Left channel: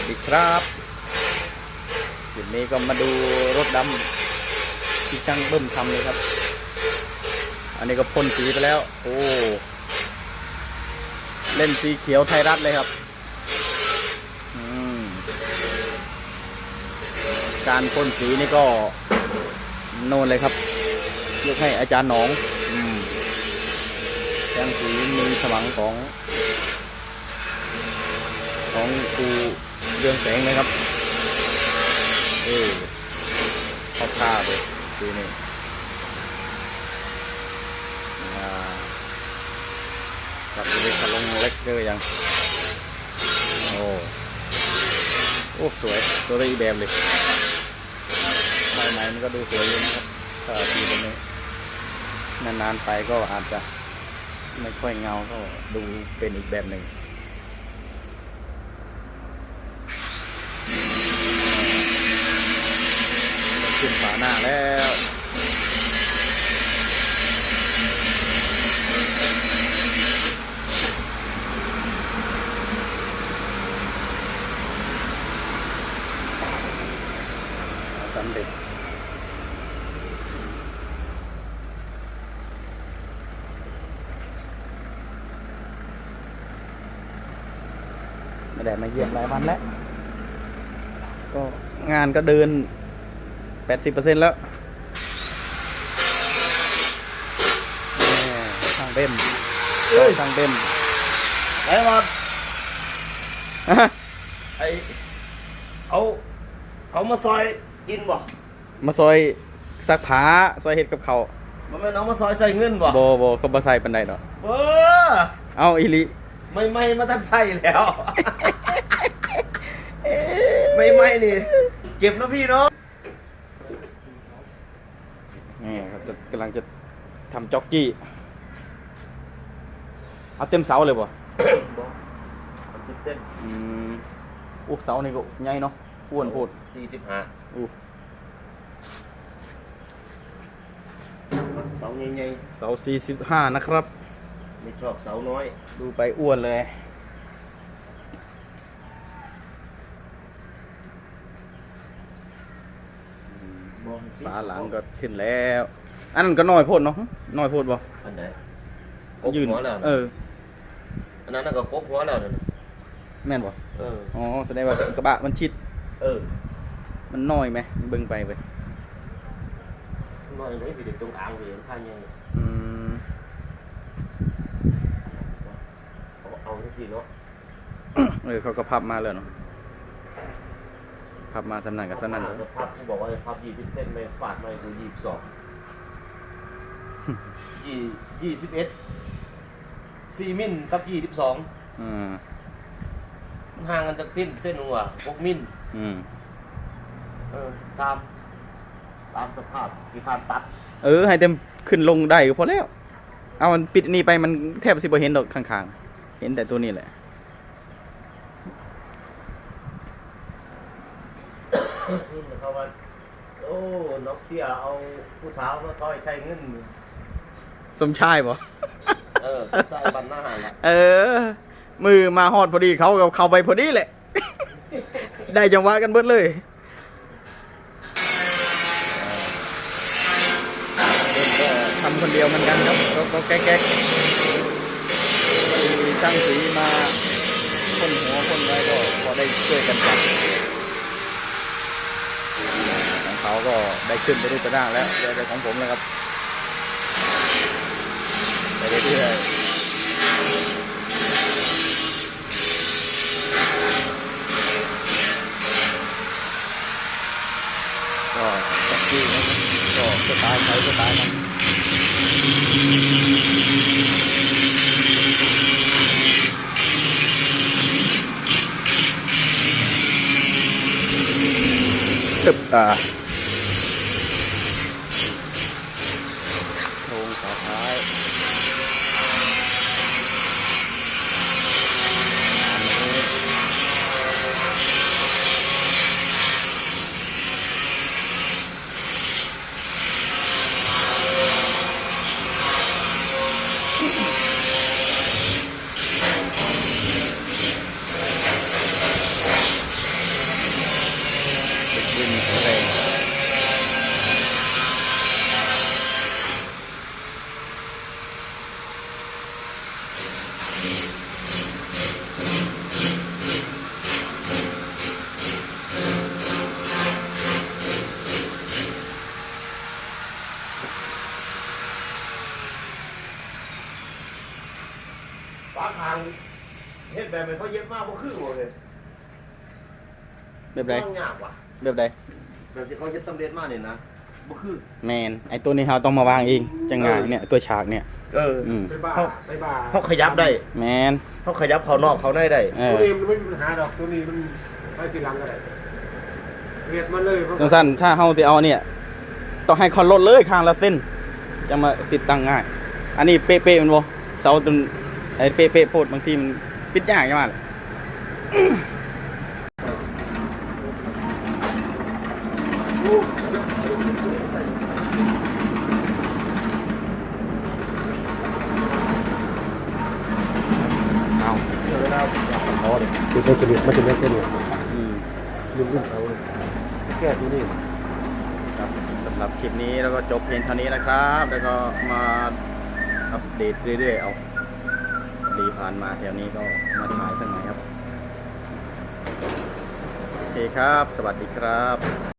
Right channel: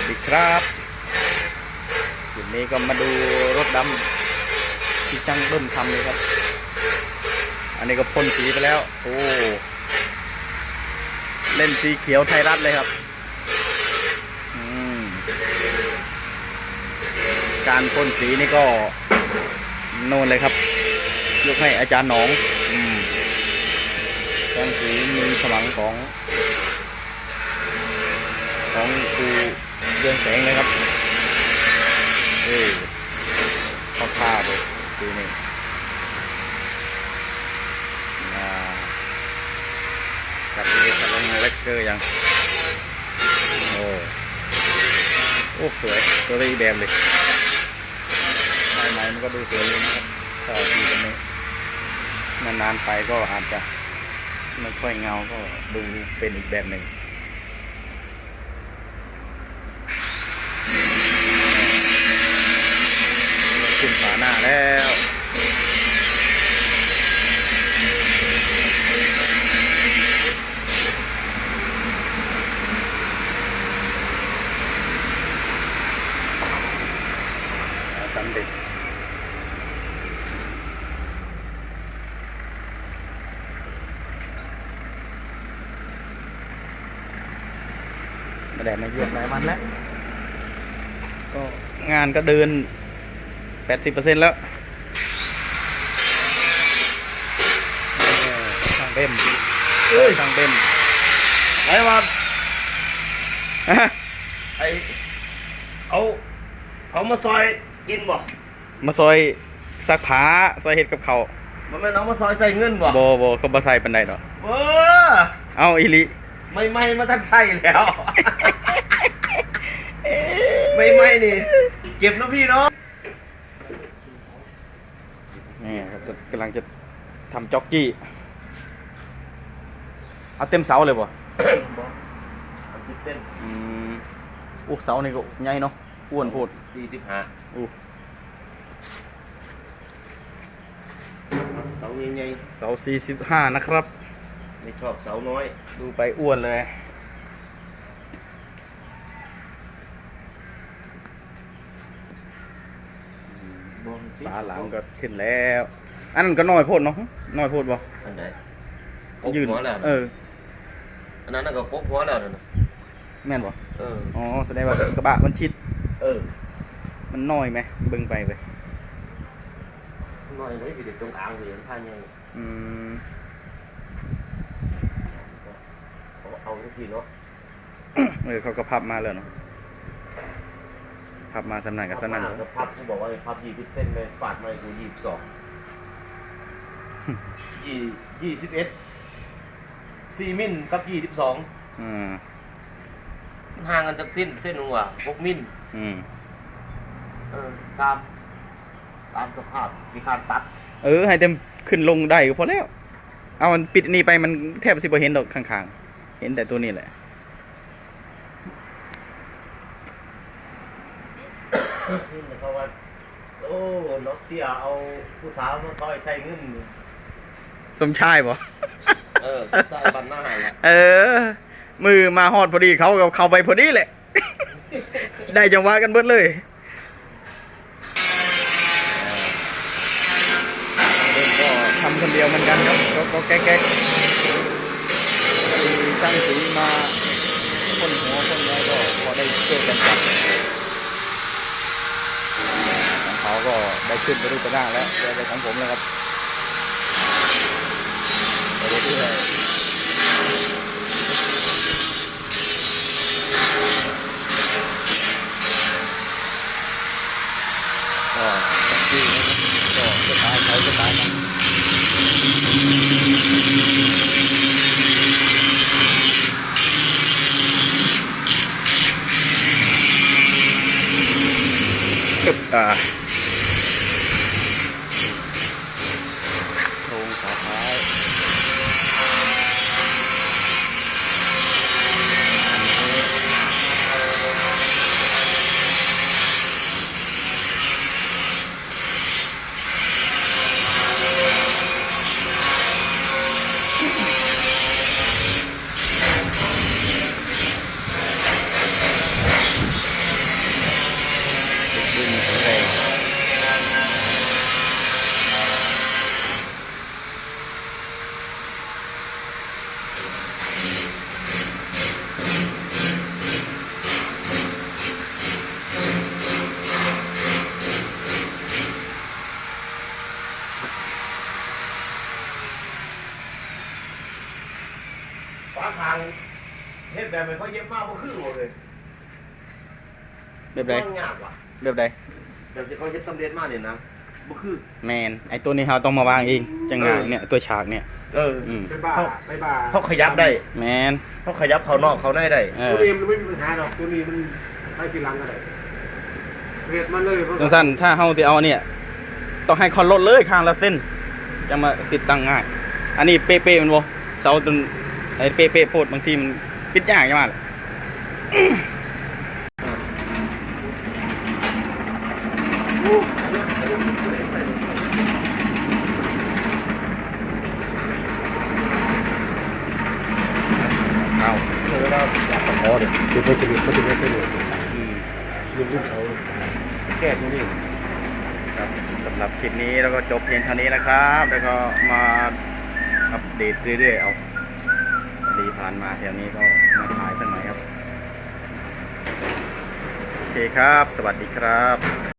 สดีครับวันนี้ก็มาดูรถดำที่ช่างเบิ่มทำเลยครับ อันนี้ก็พ่นสีไปแล้ว โอ้เล่นสีเขียวไทยรัฐเลยครับการพ่นสีนี่ก็โน่นเลยครับ ยกให้อาจารย์หนองอืมแสงสีมือสมังของ ของครู เรืองแสงเลยครับเอ้ยเข้าท่าเลยทีนี้อ่กับเล็กลงเล็กเกอร์ยัง โอ้โอ้สวยตัวรีแบบเลยใหม่ๆมันก็ดูสวยอยู่นะครับถ้าทีตรงนี้นานๆไปก็อาจจะไม่ค่อยเงาก็ดูเป็นอีกแบบหนึ่ง ขึ้นฝา หน้าแล้วสำเร็จไม่ได้มาเยี่ยมหลายวันแล้วก็งานก็เดิน แปดสิบเปอร์เซ็นต์แล้วเออทางเบมโอ้ยทางเบมไอ้มาอะไอเอาเอามาซอยกินบ่ มาซอยซักผ้าซอยเห็ดกับเขาวมันแม่นเอามาซอยใส่เงินบ่โบโบเขาบาใส่ปันไดดอกเออเอาอีหลิไม่ไม่มาทันใส่แล้ว ไม่ไม่นี่ เก็บนะพี่เนาะ นี่ครับจะกำลังจะทำจ็อกกี้ เอาเต็มเสาเลยบ่บ่อันสิบเส้นอืมอู้เสานี่ก็ใหญ่เนาะอ้วนโพดสี่สิบห้าอู้เสาใหญ่เสาสี่สิบห้านะครับๆไม่ชอบเสาน้อย ดูไปอ้วนเลย ฝาหลังก็ขึ้นแล้ว อันนั้นก็น้อยโพดเนาะน้อยโพดบ่อันไหนกกยืนหัวแล้วเอออันนั้นนะก็กกหัวแล้วนั่นน่ะแม่นบ่เออ อ๋อแสดงว่ากระบะมันชิดเออมันน้อยไหมเบิ่งไปไปน้อยเลยพี่เด็กตรงอ่างพี่เด็กท่าใหญ่อืมเอาเอาทั้งสี่เนาะเออเขาก็พับมาเลยเนาะ พับมาสำนักกับสำนักแล้วพับกูบอกว่าให้พับยี่สิบเส้นเลยฝาดมาให้กูยี่สิบสองยี่ยี่สิบเอ็ดสี่มิลกับยี่สิบสองอืมห่างกันจากเส้นเส้นหนึ่งว่ะหกมิลอืมเออตาม ตามสภาพที่การตัด เออ ให้เต็มขึ้นลงได้ก็พอแล้ว เอามันปิดนี่ไปมันแทบสิบ่เห็นดอกข้างๆ เห็นแต่ตัวนี้แหละ นี่เขาว่า โอ้นกเตี้ยเอาผู้สาวมาซอยใส่เงินสมชายบ่เออใส่บันหน้าละเออ มือมาฮอดพอดีเขาก็เข้าไปพอดีแหละ ได้จังหวะกันเบิดเลยเริ่มก็ทำคนเดียวเหมือนกันครับก็ก็แก๊กๆมีช่างสีมาพ่นหัวพ่นไว้ก็พอได้ช่วยกันจับของเขา ก็ได้ขึ้นไปรูปไปร่างแล้วเหลือแต่ของผมแล้วครับไปเรื่อยก็สองที่นะครับก็สไตล์ใช้สไตล์มันตึบอ่า มาบ่คือหมดเลยแบบใดมันยากว่ะแบบใดแบบที่เขาเฮ็ดสำเร็จมาเนี่ยนะบ่คือแมนไอตัวนี้เราต้องมาวางเองจังงานเนี่ยตัวฉากเนี่ย เอออืมไปบ้าไปบ้าเขาขยับได้แมนเขาขยับเขานอกเขาได้ได้เอตัวอนี้มันไม่มีปัญหาดอกตัวนี้มันไปทีหลังก็ได้เหตุมันเลยมันจังสั้นถ้าเฮาสิเอาเนี่ย ต้องให้คอนลดเลยข้างละเส้นจะมาติดตั้งง่าย อันนี้เป๊ะๆมันบ่เสาจน ไอ้เป๊ะๆโพดบางทีมันปิดยากจังว่าล่ะเอาเวลาพอเด้คือมันจะมีมันจะมีตัวนี้อืมยืนขึ้นเขาแก้ตัวนี้ครับสำหรับคลิปนี้แล้วก็จบเพียงเท่านี้นะครับ แล้วก็มาอัปเดตเรื่อยๆเอา ดีผ่านมาแถวนี้ก็มาถ่ายสักหน่อยครับ โอเคครับ สวัสดีครับ